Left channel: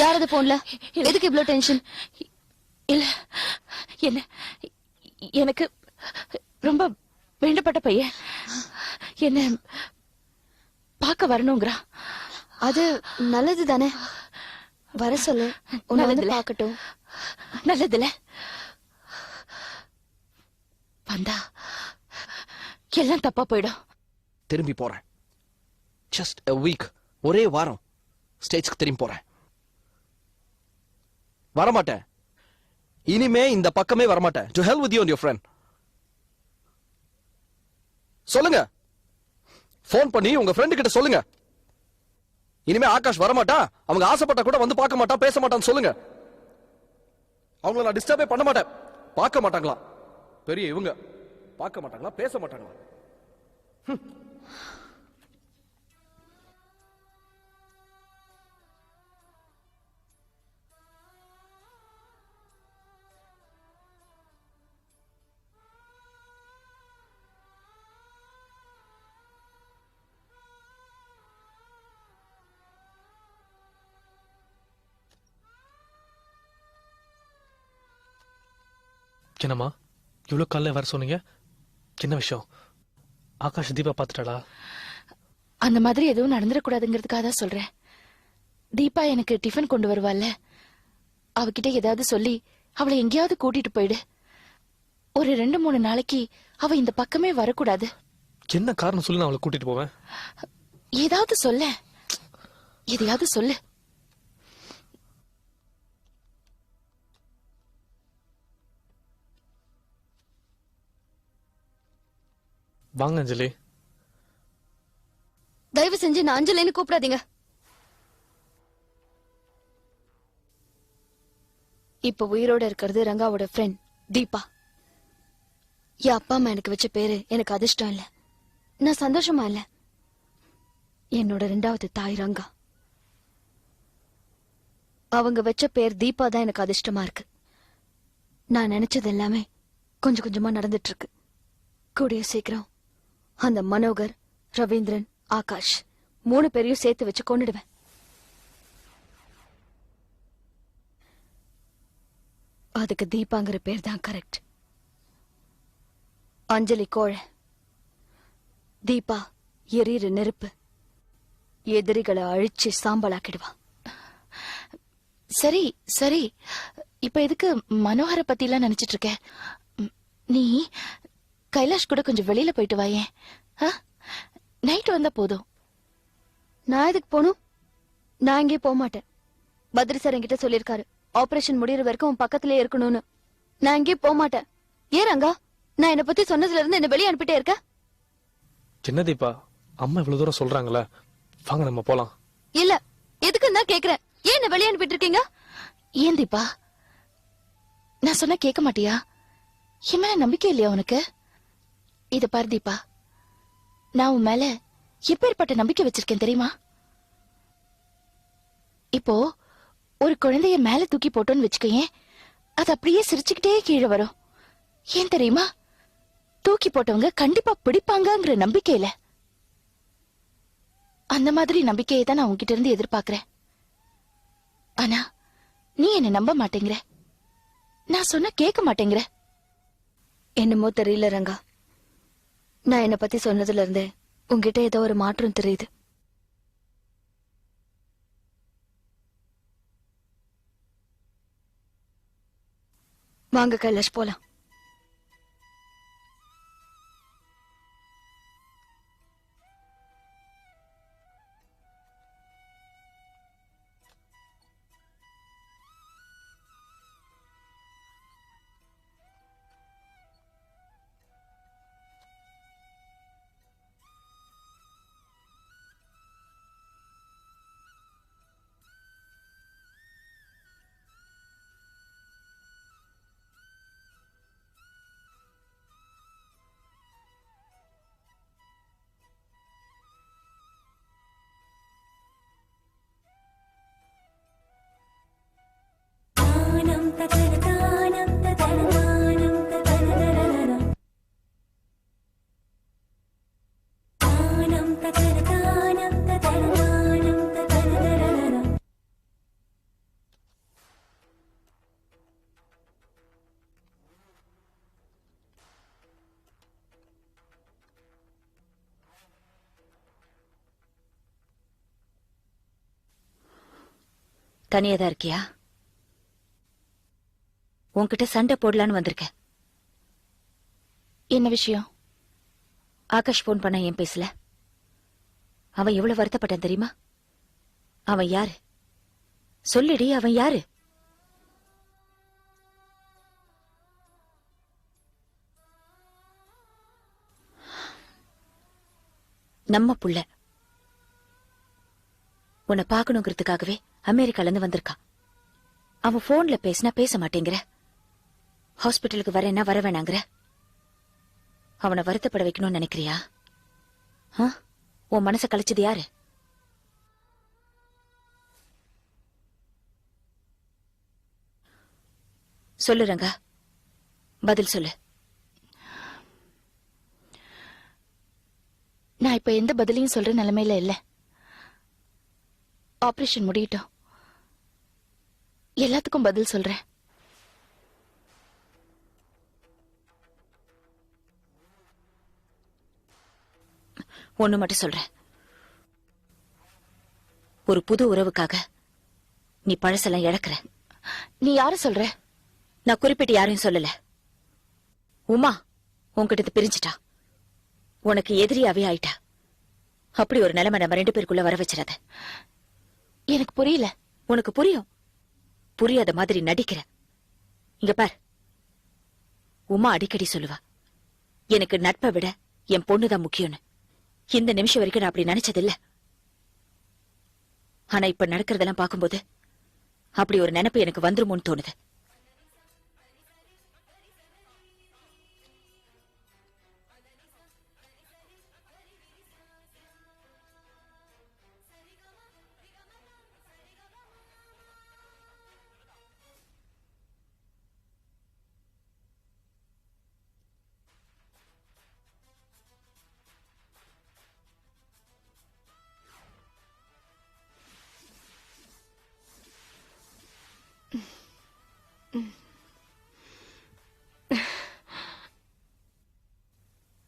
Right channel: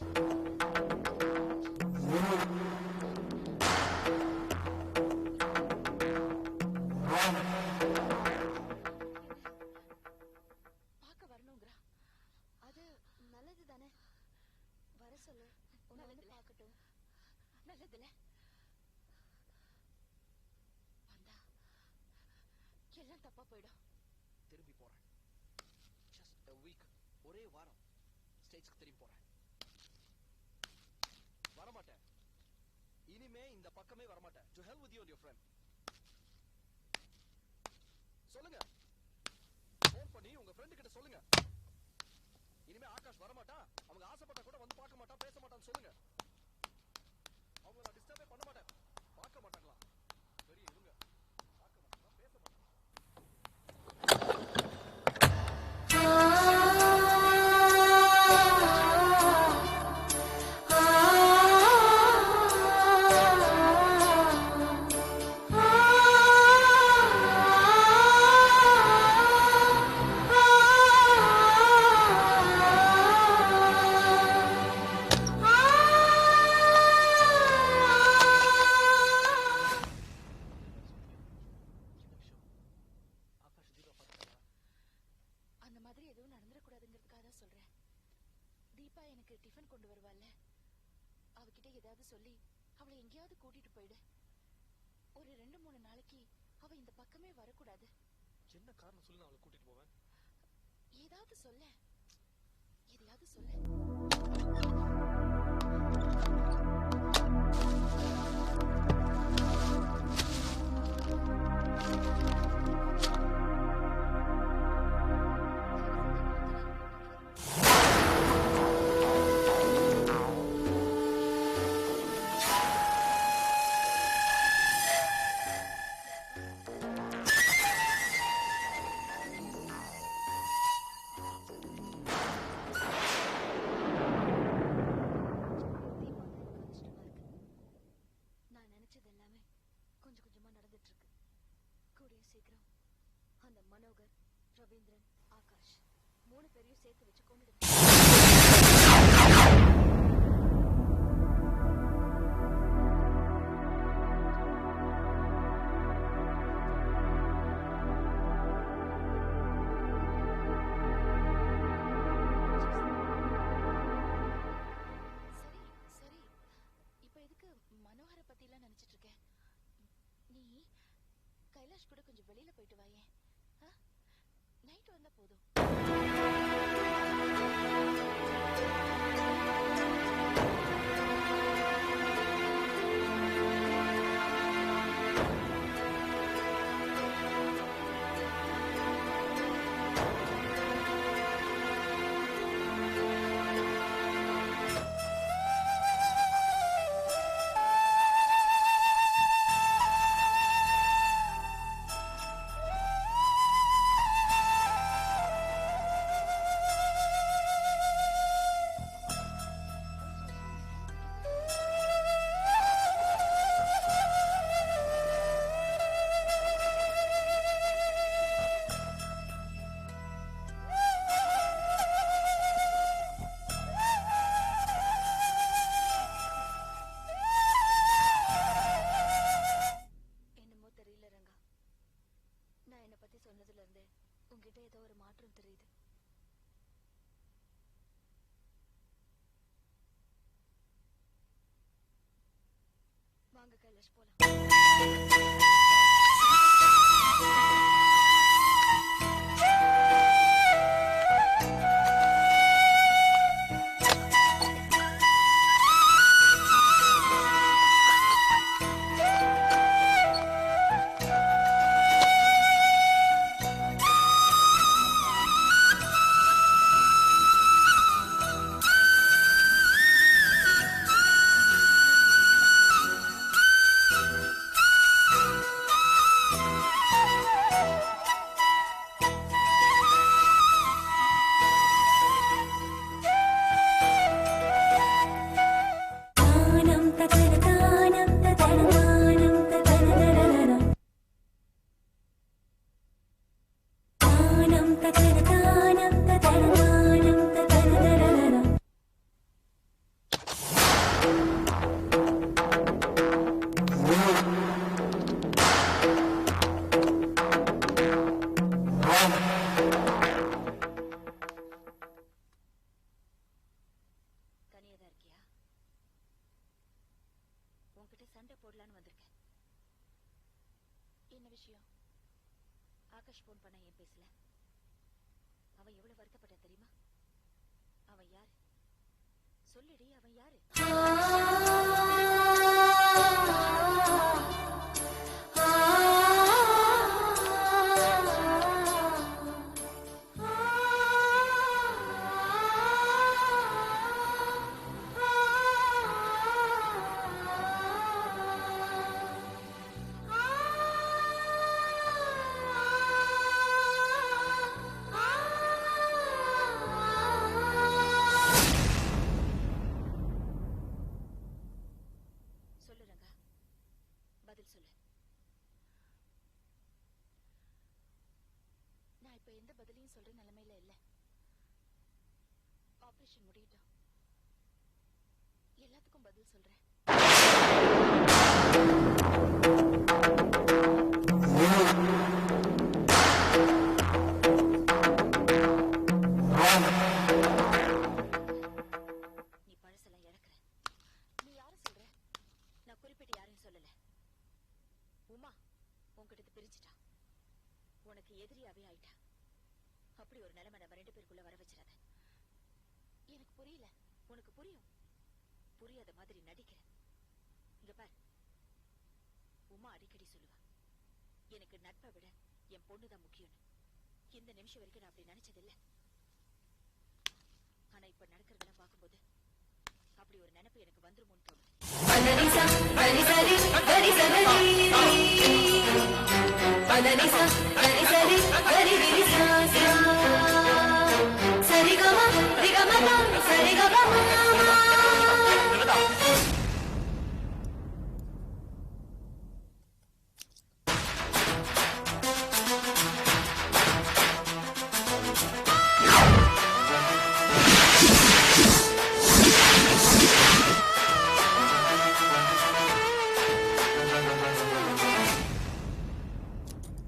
யாரது போன்ல? எதுக்கு இவ்ளோ டென்ஷன்? இல்ல, என்ன எனக்கு ரொம்ப வேண்டப்பட்ட பையன் என்ன பார்க்க வரணுங்கிறா. அது நல்லது தானே, வர சொல்லு. உன்னை வந்து பார்க்கட்டும். நல்லதுல வந்தா எல்லாம் தப்பா போயிடும். திரும்பி போறேன். ஜஸ்ட் a week, ஒரே வாரம் ஸ்டேஜ்க்கு திரும்பி போறேன். வரமாட்டேன், இனிமே இந்த பக்கமே வரமாட்டேன். To hell with you and your friend. சொல்லுங்க, போன் பண்ணி உங்க ஃப்ரெண்டு கிட்ட சொல்லுங்க. இனிமே ஆகாஷ் வரமாட்டா, அவங்க ஆசைப்பட்டா கூட வந்து பார்க்க மாட்டா, பேச மாட்டான்னு சொல்லுங்க. அவங்கள நான் டிஸ்டர்பே பண்ண மாட்டேன். பார்க்க மாட்டாங்களா பெரிய இவங்க? பார்க்க மாட்டாங்களா, பேச மாட்டாங்களா? என்னம்மா இவ்வளோ காலைல வர சொன்னீங்க? என்ன விஷயம்? ஆகாஷ் தீபா பார்த்துட்டாளா? அந்த மாதிரி எதுவும் நடந்துடக்கூடாதுங்கிறதுக்காக தான் சொல்றேன். தீபா எனக்கு டிஃபன் கொண்டு வருவாள்ல, அவகிட்ட ஏதாவது சொல்லி அவளை எங்கேயாவது கூட்டிட்டு போயிடு. ஒரு 2-3 நாளைக்கு அவ இந்த பக்கமே வரக்கூடாது. என்ன காரணம் சொல்லி நான் அவளை கூட்டிட்டு போவேன். ஏதாவது சொல்ல, எதையாவது சொல்லு. வாங்க அஞ்சலி. தயவு செஞ்சு நான் அஞ்சலின்னு கூப்பிடாதீங்க. இப்ப உயிரோட இருக்கிறது ரங்காவோட ஃப்ரெண்ட் தீபா. என் அப்பா அம்மா எனக்கு வச்ச பேரு எனக்கு அதிர்ஷ்டம் இல்ல, நான் சந்தோஷமா இல்ல. என்னோட 2வது தாய் ரங்கா, அவங்க வச்ச பேர் தீபா தான் எனக்கு அதிர்ஷ்டமா இருக்கு. நான் நினைச்சது எல்லாமே கொஞ்சம் கொஞ்சமா நடந்துட்டு இருக்கு. கூடிய சீக்கிரம் அந்த மனோகர், ரவீந்திரன், ஆகாஷ் 3 பேரையும் சேர்த்து வச்சு கொன்னுடுவேன். அதுக்கு தீபாங்கிற பேர் தான் கரெக்ட். அஞ்சலி கோழை, தீபா எரியிற நெருப்பு. எதிரிகளை அழிச்சு சாம்பலாக்கிடுவா. சரி சரி, இப்ப எதுக்கு மனோகர பத்தி எல்லாம் நினைச்சிட்டு இருக்க? நீ கைலாஷ் கூட கொஞ்சம் வெளியில போயிட்டு வாயேன். நைட் வந்தா போதும். நான் எதுக்கு போகணும்? நான் இங்கே போக மாட்டேன். பத்ரி சார் என்கிட்ட சொல்லியிருக்காரு, ஆபரேஷன் முடியற வரைக்கும் அவன் பக்கத்திலே இருக்கணும்னு. நான் இங்கே போக மாட்டேன். ஏன் ரங்கா, நான் என்னை பத்தி சொன்னதுல இருந்து என்ன வெளியே அனுப்பிட்டே இருக்க? என்ன தீபா, அம்மா இவ்வளவு தூரம் சொல்றாங்களா? வாங்க நம்ம போலாம். இல்ல, எதுக்குன்னு தான் கேக்குறேன். ஏன் என்ன வெளியே அனுப்பிட்டு இருக்கீங்க? ஏன் தீபா, நான் சொன்னா கேட்க மாட்டியா? என் மேல நம்பிக்கை இல்லையா உனக்கு? இது பாரு தீபா, நான் உன் மேல எப்பேற்பட்ட நம்பிக்கை வச்சிருக்கேன் தெரியுமா? இப்போ ஒரு குழந்தைய மேல தூக்கி போட்டோன்னு வச்சுக்கேன், அது அப்படியே சிரிச்சுக்கிட்டே கீழே வரும். ஏன் தெரியுமா? தூக்கி போட்டவங்க கண்டிப்பா பிடிப்பாங்கங்கிற நம்பிக்கையில. அந்த மாதிரி நம்பிக்கையை தான் நான் உன்கிட்ட இருந்து எதிர்பார்க்கிறேன். ஆனா நீ என்ன நம்ப மாட்டேங்கிற, நான் சொன்ன கேட்க மாட்டேங்கிற. என்னமோ தெரியல ரங்கா, நான் என்ன பத்தி சொன்னதுல இருந்தே உங்ககிட்ட ஏதோ ஒரு மாற்றம் தெரியுது. வாங்க கைலாஷ் போலாம். தனியா தான் இருக்கியா? உன்கிட்ட சண்டை போடலான்னு வந்திருக்கேன். என்ன விஷயம்? ஆகாஷ் போன் பண்ண ஏன் பேசல? அவன் எவ்வளவு வருத்தப்பட்டான் தெரியுமா? அவன் யாரு சொல்லிடி, அவன் யாரு? நம்ம புள்ள. உன்னை பாக்கணுங்கிறதுக்காகவே அமெரிக்கால இருந்து வந்திருக்கான். அவன் போன்ல பேசினா பேச மாட்டேங்கிற, ஹாஸ்பிட்டலுக்கு வரேன்னா வர வேணாங்கிற. அவனை வருத்தப்பட வைக்கணும்னு நினைக்கிறியா? உன் மனசை கழிச்சது யாரு? சொல்லு ரங்கா, பதில் சொல்லு. நான் இப்ப எந்த பதிலையும் சொல்ற நிலைமையில இல்ல. ஆபரேஷன் முடியட்டும், எல்லாத்துக்கும் பதில் சொல்றேன். ஒண்ணு மட்டும் சொல்றேன். ஒரு புது உறவுக்காக நீ பழசெல்லாம் இழக்கிற. நீ யாரு சொல்ற? நான் குறிப்பிட்டு யாரையும் சொல்லல. உமா உன்கிட்ட பிரிஞ்சிட்டா, உனக்கு எதிரியாவே ஆயிட்டா. அப்படி ஒரு நிலைமை நம்ம 2 பேருக்குள்ள வர வச்சிடாத. எனக்கு புரியல. உனக்கு புரியும், புரியாத மாதிரி நடிக்கிற. இங்க பார், உமா அடிக்கடி சொல்லுவா, எனக்கு நட்பை விட என் பொண்ணுதான் முக்கியம்னு. இந்த நிமிஷம் வரைக்கும் நான் அப்படி நினைச்சதில்ல. ஆனா இப்ப நடக்கிறதெல்லாம் பார்க்கும்போது அப்படி ஒரு நினைப்பு எனக்கு வந்துருமோன்னு தோணுது.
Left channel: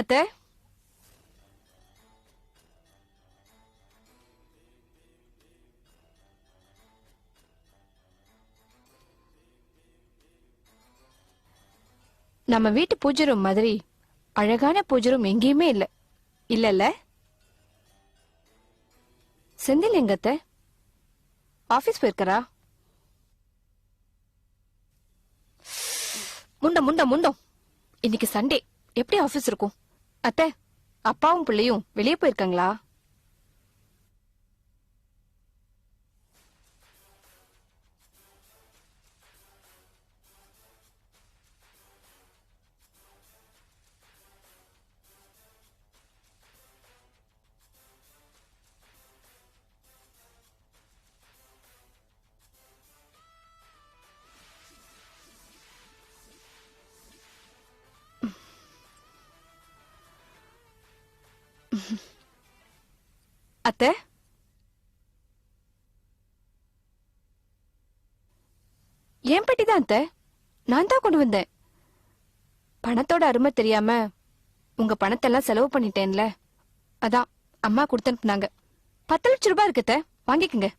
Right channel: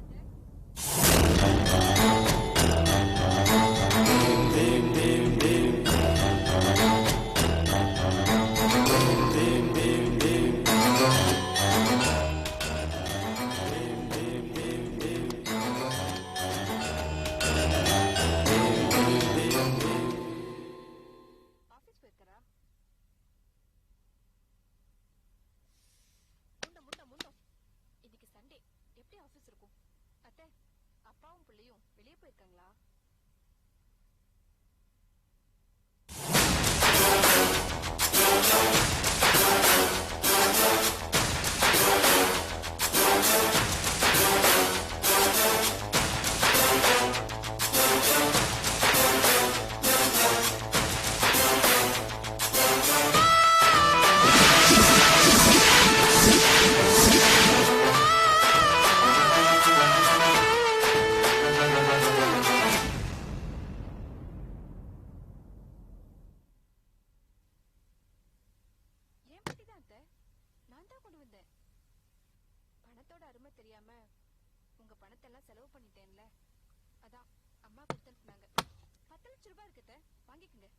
அத்தை, நம்ம வீட்டு பூஜை ரூம் மாதிரி அழகான பூஜை ரூம் எங்கேயுமே இல்ல. இல்லல்ல செந்தில் எங்கத்த? ஆபீஸ் போயிருக்கறா? முண்டம் முண்டம் முண்டம், இன்னைக்கு சண்டே, எப்படி ஆபீஸ் இருக்கும்? அத்தை, அப்பாவும் பிள்ளையும் வெளியே போயிருக்காங்களா? அத்தை, ஏன் பெட்டி தான் அத்தை, நான் தான் கொண்டு வந்தேன். பணத்தோட அருமை தெரியாம உங்க பணத்தெல்லாம் செலவு பண்ணிட்டேன்ல, அதான் அம்மா கொடுத்து அனுப்புனாங்க. 10 லட்சம் ரூபாய் இருக்கு அத்தை, வாங்கிக்கங்க.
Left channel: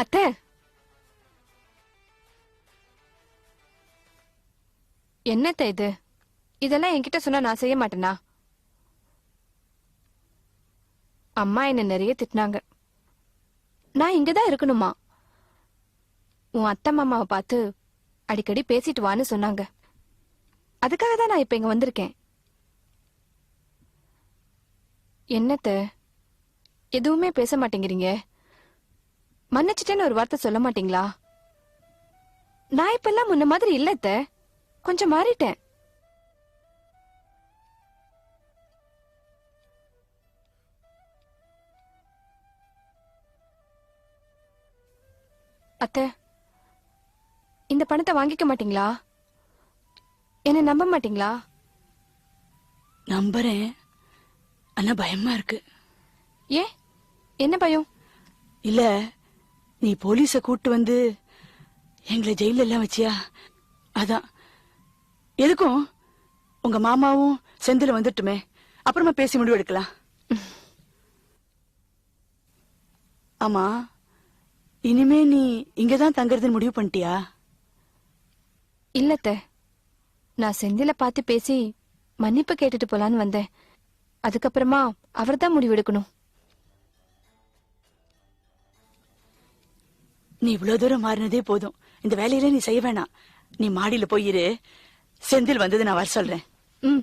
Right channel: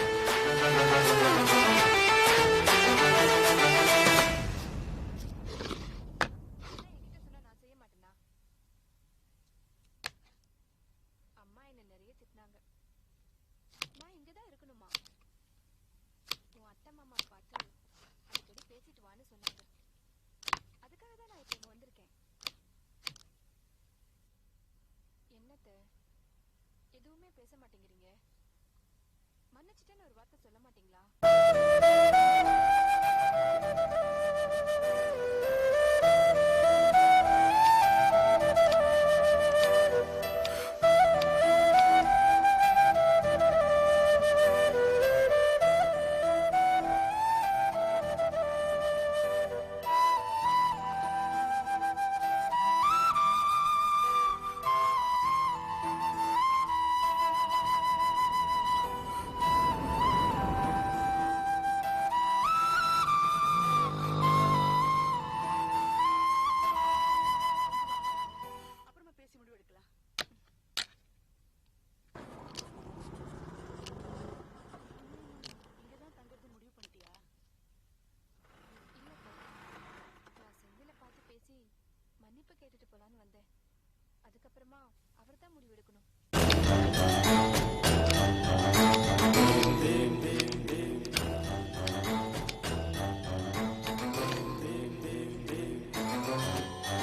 அத்தை, என்னத்த இது? இதெல்லாம் என்கிட்ட சொன்னா நான் செய்ய மாட்டேனா? அம்மா என்ன நிறைய திட்டினாங்க. நான் இங்கதான் இருக்கணுமா? உன் அத்தை மாமாவை பார்த்து அடிக்கடி பேசிட்டு வான்னு சொன்னாங்க. அதுக்காக தான் நான் இப்ப இங்க வந்திருக்கேன். என்னத்த எதுவுமே பேச மாட்டேங்கிறீங்க? மன்னிச்சிட்டேன்னு ஒரு வார்த்தை சொல்ல மாட்டீங்களா? நான் இப்ப எல்லாம் முன்ன மாதிரி இல்ல அத்தை, கொஞ்சம் மாறிட்டேன். அத்தை, இந்த பணத்தை வாங்கிக்க மாட்டீங்களா? என்ன நம்ப மாட்டீங்களா? நம்புறேன், ஆனா பயமா இருக்கு. ஏன், என்ன பயம்? இல்ல, நீ போலீஸ கூட்டு வந்து எங்களை ஜெயில எல்லாம் வச்சியா? அதான். எதுக்கும் உங்க மாமாவும் செந்தில வந்துட்டுமே, அப்புறமா பேசி முடிவு எடுக்கலாம். ஆமா, இனிமே நீ இங்கதான் தங்கறதுன்னு முடிவு பண்ணிட்டியா? இல்லத்த, நான் செந்தில பார்த்து பேசி மன்னிப்பு கேட்டுட்டு போலான்னு வந்தேன். அதுக்கப்புறமா அவர்தான் முடிவெடுக்கணும். நீ இவ்வளவு தூரம் மாறினதே போதும். இந்த வேலையில நீ செய்ய வேணாம். நீ மாடியில போயிரு. செந்தில் வந்தது நான் வர சொல்றேன். ம்,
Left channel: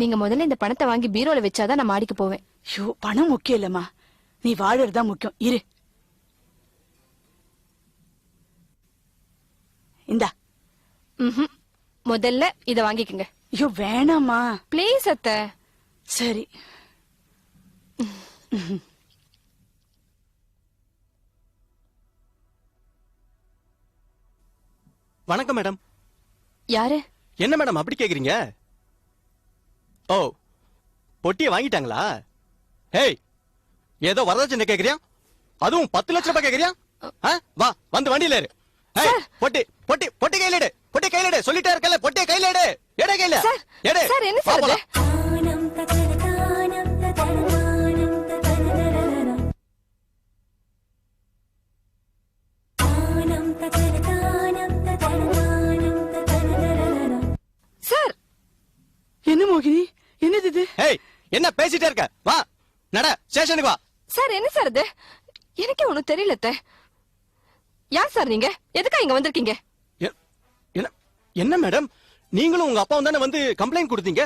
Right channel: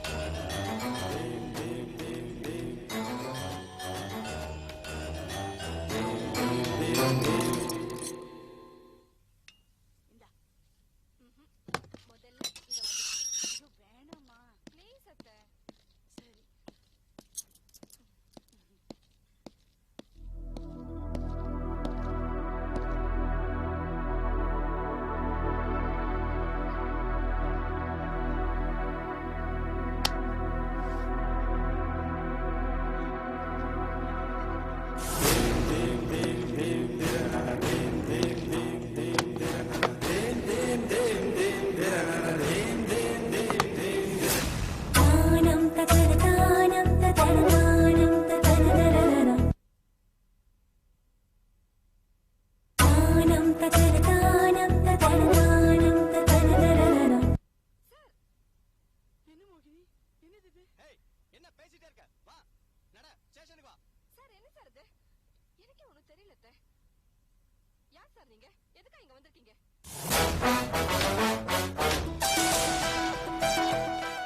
நீங்க முதல்ல இந்த பணத்தை வாங்கி பீரோல வச்சாதான் நான் மாடிக்கு போவேன். ஐயோ, பணம் முக்கியம் இல்லம்மா, நீ வாழறதுதான் முக்கியம். இரு. இந்தா. ம்ஹும். முதல்ல இத வாங்கிக்கங்க. ஐயோ வேணாமா. ப்ளீஸ் அத்தை. சரி. வணக்கம் மேடம். யாரு? என்ன மேடம் அப்படி கேக்குறீங்க? ஓ, பொட்டியை வாங்கிட்டாங்களா? ஏய், ஏதோ வரதட்சணை கேக்குறியா? அதுவும் 10 லட்சம் ரூபாய் கேக்குறியா? வா, வந்து வண்டியில ஏறு. ஏய், பொட்டி பொட்டி பொட்டி கையில எடு. பொட்டி கையில எடு. சொல்லிட்டே இருக்கல, பொட்டி கையில எடு. எடு கையில. எடு. சார், என்ன சார் இது? சார், என்ன மோகினி, என்னது இது? ஏய், என்ன பேசிட்டே இருக்க? வா, நட, ஸ்டேஷனுக்கு வா. சார் என்ன சார் இது? எனக்கே ஒண்ணும் தெரியல அத்தை. யார் சார் நீங்க? எதுக்கா இங்க வந்திருக்கீங்க? என்ன மேடம், நீங்களும் உங்க அப்பாவும் தானே வந்து கம்ப்ளைண்ட் கொடுத்தீங்க?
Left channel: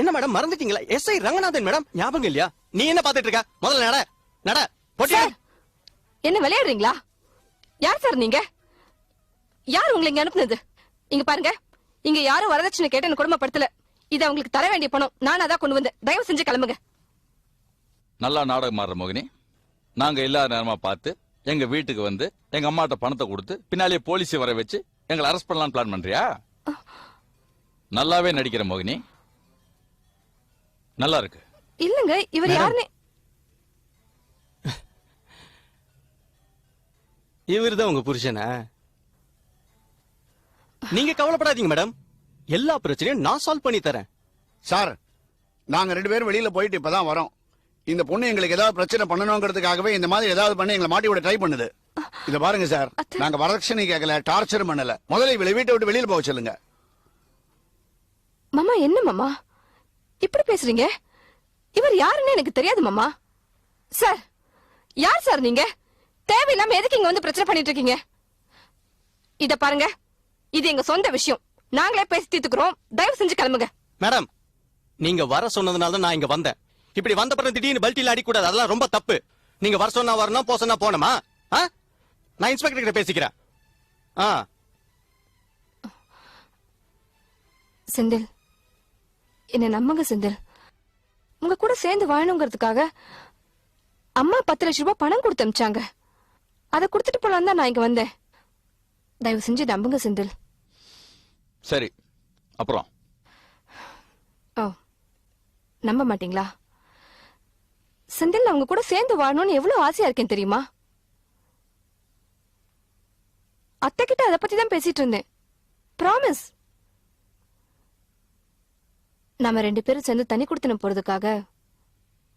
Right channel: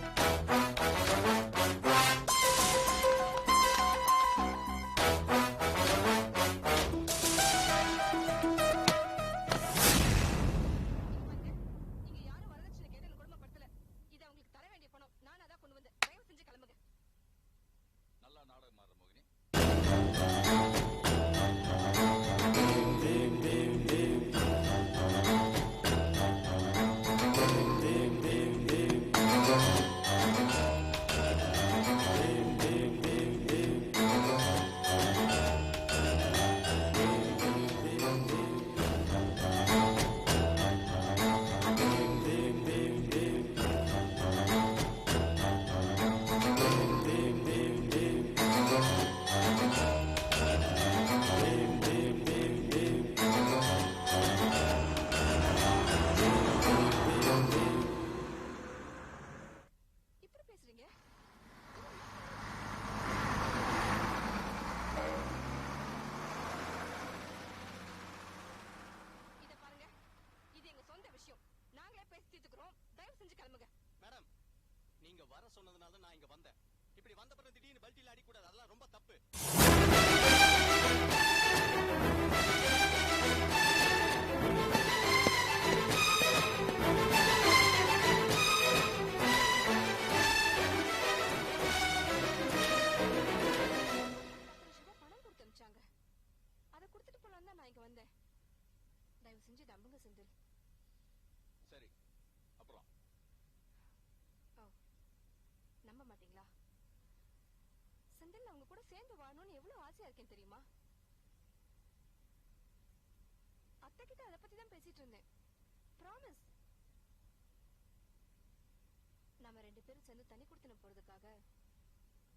என்ன மேடம் மறந்துட்டீங்களா? எஸ்ஐ ரங்கநாதன் மேடம், ஞாபகம் இல்லையா? நீ என்ன பாத்துட்டு இருக்க? முதல்ல நட, நட, பொட்டி. என்ன விளையாடுறீங்களா? யார் சார் நீங்க? யார் உங்களை இங்க அனுப்புனது? இங்க பாருங்க, இங்க யாரும் வரதட்சணை கேட்டு என்ன குடும்பப்படுத்தல. இது அவங்களுக்கு தர வேண்டிய பணம். நான் அதான் கொண்டு வந்தேன். தயவு செஞ்சு கிளம்புங்க. நல்லா நாடகம் ஆடுற மோகினி. நாங்க இல்லாத நேரமா பார்த்து எங்க வீட்டுக்கு வந்து எங்க அம்மாட்ட பணத்தை கொடுத்து பின்னாலே போலீஸ் வர வச்சு எங்களை அரெஸ்ட் பண்ணலாம்னு பிளான் பண்றியா? நல்லாவே நடிக்கிற மோகினி, நல்லா இருக்கு. இல்லங்க, இவர் யாருன்னு. இவர்தான் உங்க புருஷனா? நீங்க கவலைப்படாதீங்க மேடம், எல்லா பிரச்சனையும் நான் சால்வ் பண்ணி தரேன். சார், நாங்க 2 பேரும் வெளியில போயிட்டு இப்பதான் வரோம். இந்த பொண்ணு எங்களுக்கு ஏதாவது பிரச்சனை பண்ணணுங்கிறதுக்காகவே இந்த மாதிரி ஏதாவது பண்ணி எங்களை மாட்டி விட ட்ரை பண்ணுது. இத பாருங்க சார், நாங்க வரதட்சணை கேட்கல, டார்ச்சர் பண்ணல. முதல்ல இவளை வீட்டை விட்டு வெளியில போக சொல்லுங்க. மாமா, என்ன மாமா இப்படி பேசுறீங்க? இவர் யாருன்னு எனக்கு தெரியாது மாமா. சார், யார் சார் நீங்க? தேவையில்லாம எதுக்கு இங்க வந்து பிரச்சனை பண்ணிட்டு இருக்கீங்க? இத பாருங்க, இது எங்க சொந்த விஷயம். நாங்களே பேசி தீர்த்துக்கிறோம். தயவு செஞ்சு கிளம்புங்க. மேடம், நீங்க வர சொன்னதுனால தான் நான் இங்க வந்தேன். இப்படி வந்த பிறகு திடீர்னு பல்ட்டில அடிக்க கூடாது. அதெல்லாம் ரொம்ப தப்பு. நீங்க வர சொன்னா வரணும், போ சொன்னா போணுமா? நான் இன்ஸ்பெக்டர் கிட்ட பேசிக்கிறேன். செந்தில், என்ன நம்புங்க செந்தில். உங்க கூட சேர்ந்து வாழணுங்கிறதுக்காக அம்மா 10 லட்சம் ரூபாய் பணம் கொடுத்து அனுப்பிச்சாங்க. அதை கொடுத்துட்டு போலாம் தான் நான் இங்க வந்தேன். தயவு செஞ்சு நம்புங்க செந்தில். சரி, அப்புறம் ஓ, நம்ப மாட்டீங்களா? செந்தில், நான் உங்க கூட சேர்ந்து வாழணும்னு எவ்வளவு ஆசையா இருக்கேன் தெரியுமா? அத்தை கிட்ட அதை பத்தி தான் பேசிட்டு இருந்தேன். ப்ராமிஸ். நாம 2 பேரும் சேர்ந்து தனி கொடுத்துன போறதுக்காக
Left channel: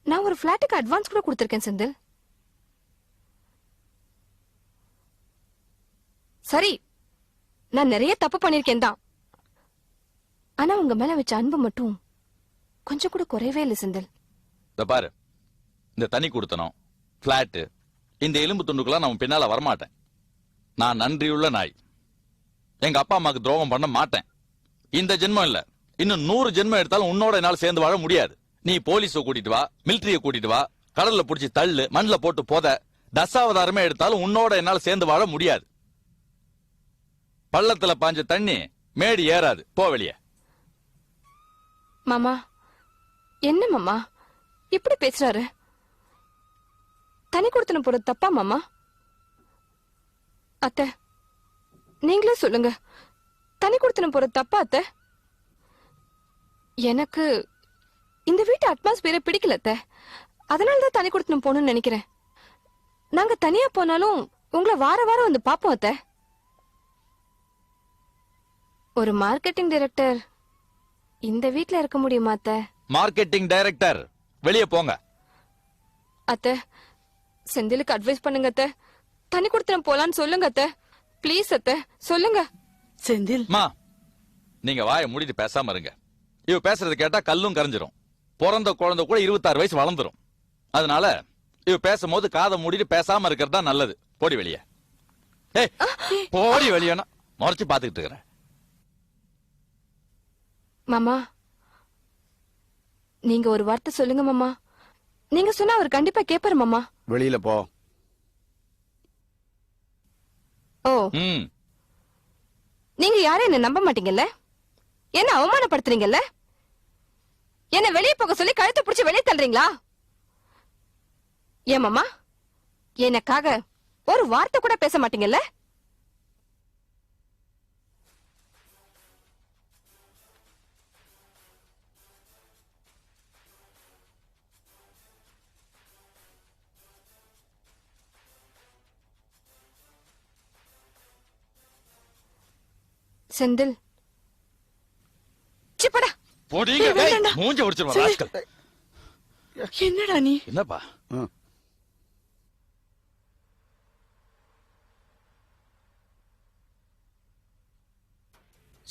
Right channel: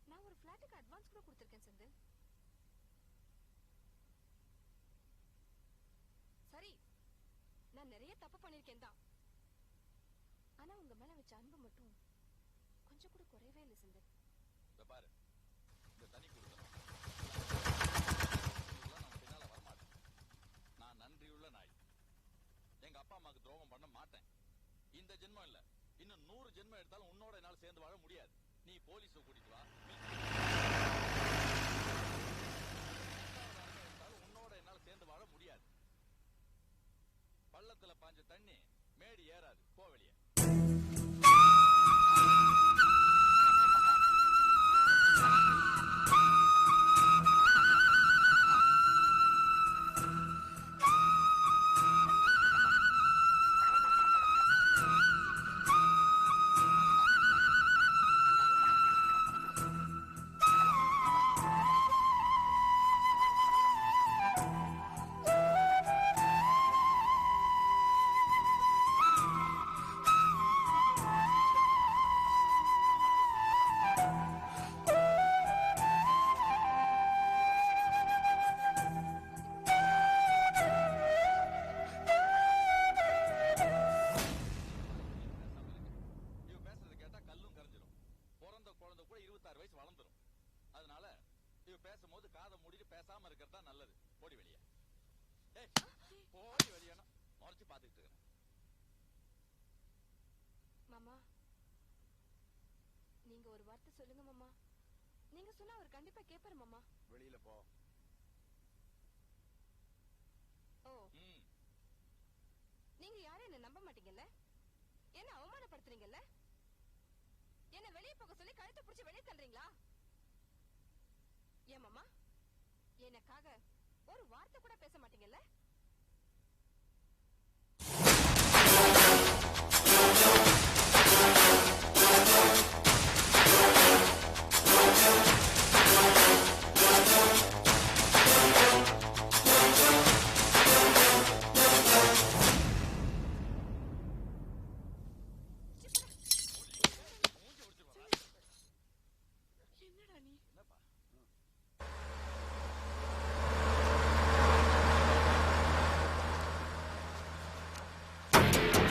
நான் ஒரு பிளாட்டுக்கு அட்வான்ஸ் கூட கொடுத்திருக்கேன் செந்தில். சரி, நான் நிறைய தப்பு பண்ணிருக்கேன் தான். ஆனா உங்க மேல வச்ச அன்பு மட்டும் கொஞ்சம் கூட குறையவே இல்லை செந்தில். இத பாரு, இந்த தனி கொடுத்தனும் பிளாட், இந்த எலும்பு துண்டுக்கெல்லாம் நான் பின்னால வரமாட்டேன். நான் நன்றியுள்ள நாய். எங்க அப்பா அம்மாக்கு துரோகம் பண்ண மாட்டேன். இந்த ஜென்மம் இல்ல, இன்னும் 100 ஜென்மம் எடுத்தாலும் உன்னோட என்னால சேர்ந்து வாழ முடியாது. நீ போலீஸ கூட்டிட்டு வா, மிலிட்டரிய கூட்டிட்டு வா, கடல்ல புடிச்சு தள்ளு, மண்ல போட்டு போத, தசாவதாரமே எடுத்தாலும் உன்னோட என்னால சேர்ந்து வாழ முடியாது. பள்ளத்துல பாஞ்ச தண்ணி மேடி ஏறாது. போ வெளியே. மாமா, என்ன மாமா இப்படி பேசுறாரு? தனி கொடுத்தன போறது தப்பா மாமா? அத்தை, நீங்களே சொல்லுங்க, தனி கொடுத்தன போறது தப்பா அத்தை? எனக்கு இந்த வீட்டு அட்மாஸ்பியரை பிடிக்கல அத்தை. அதனாலதான் தனி கொடுத்தனம் போகணும்னு நினைக்கிறேன். நாங்க தனியா போனாலும் உங்களை வார வாரம் வந்து பாப்போம் அத்தை. ஒரு மார்க்கெட்டிங் டைரக்டர் இந்த வீட்ல இருக்க முடியுமா அத்தை? மார்க்கெட்டிங் டைரக்டர் வெளியே போங்க. அத்தை, செந்திலுக்கு அட்வைஸ் பண்ணுங்க அத்தை. தண்ணி கொடுத்துட்டு போலான்னு சொல்லுங்க அத்தை. ப்ளீஸ் அத்தை, சொல்லுங்க. செந்தில் மா, நீங்க வாயை மூடிட்டு பேசாம இருங்க. இவ பேசுறது கேட்டா கல்லும் கரைஞ்சிரும். பிறந்த குழந்தை கூட 26 வயசு வளர்ந்துரும். அதனால இவ பேசும்போது காதை மூடிட்டு பேசாம இருக்கிறது தான் நல்லது. போடி வெளியே. ஏய், போடி வெளியேனா முறைச்சு பாத்துக்கிட்டு இருக்கிறேன். மாமா, நீங்க ஒரு வார்த்தை சொல்லுங்க மாமா. நீங்க சொன்னா அவர் கண்டிப்பா கேப்பாரு மாமா. வெளியில போ. ஓ, ம், நீங்க யாரும் என்ன நம்ப மாட்டீங்கல்ல? என்ன அவமானப்படுத்துறீங்கல்ல? என்ன வெளியே போக சொல்லி கழுத்தை பிடிச்சு வெளியே தள்ளுறீங்களா? ஏன் மாமா, எனக்காக ஒரு வார்த்தை கூட பேச மாட்டீங்கல்ல? செந்தில், சிப்படா. போடிங்க. ஏய், வேண்டாம்டா. மூஞ்ச உடைச்சிருவா சரி. ராஸ்கல். என்னடா நீ? என்னப்பா?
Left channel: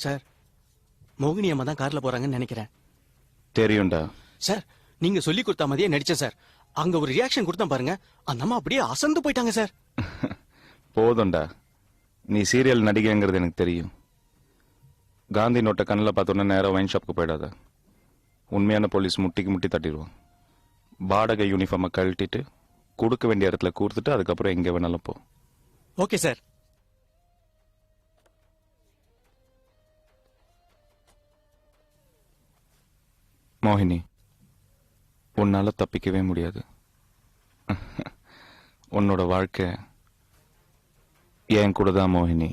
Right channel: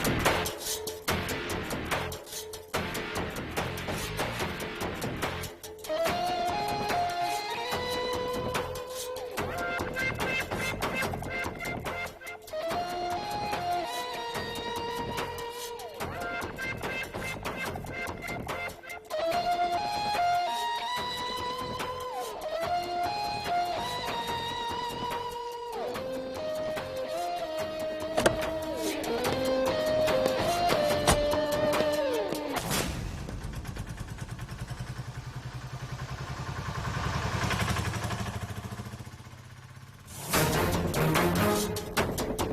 சார், மோகினி அம்மா தான் கார்ல போறாங்கன்னு நினைக்கிறேன். தெரியும்டா. சார், நீங்க சொல்லி கொடுத்த மாதிரியே நடிச்சேன் சார். அங்க ஒரு ரியாக்ஷன் கொடுத்தேன் பாருங்க, அந்த அம்மா அப்படியே அசந்து போயிட்டாங்க சார். போதும்டா, நீ சீரியல் நடிகைங்கிறது எனக்கு தெரியும். காந்தி நோட்டை கண்ணில் பார்த்தோன்னே நேராக வைன் ஷாப்புக்கு போயிடாத. உண்மையான போலீஸ் முட்டிக்கு முட்டி தட்டிடுவோம். பாடகை யூனிஃபார்மை கழட்டிட்டு கொடுக்க வேண்டிய இடத்துல கொடுத்துட்டு அதுக்கப்புறம் எங்கே வேணாலும் போ. Okay sir. மோகினி, உன்னால தப்பிக்கவே முடியாது. உன்னோட வாழ்க்கை என் கூட தான் மோகினி.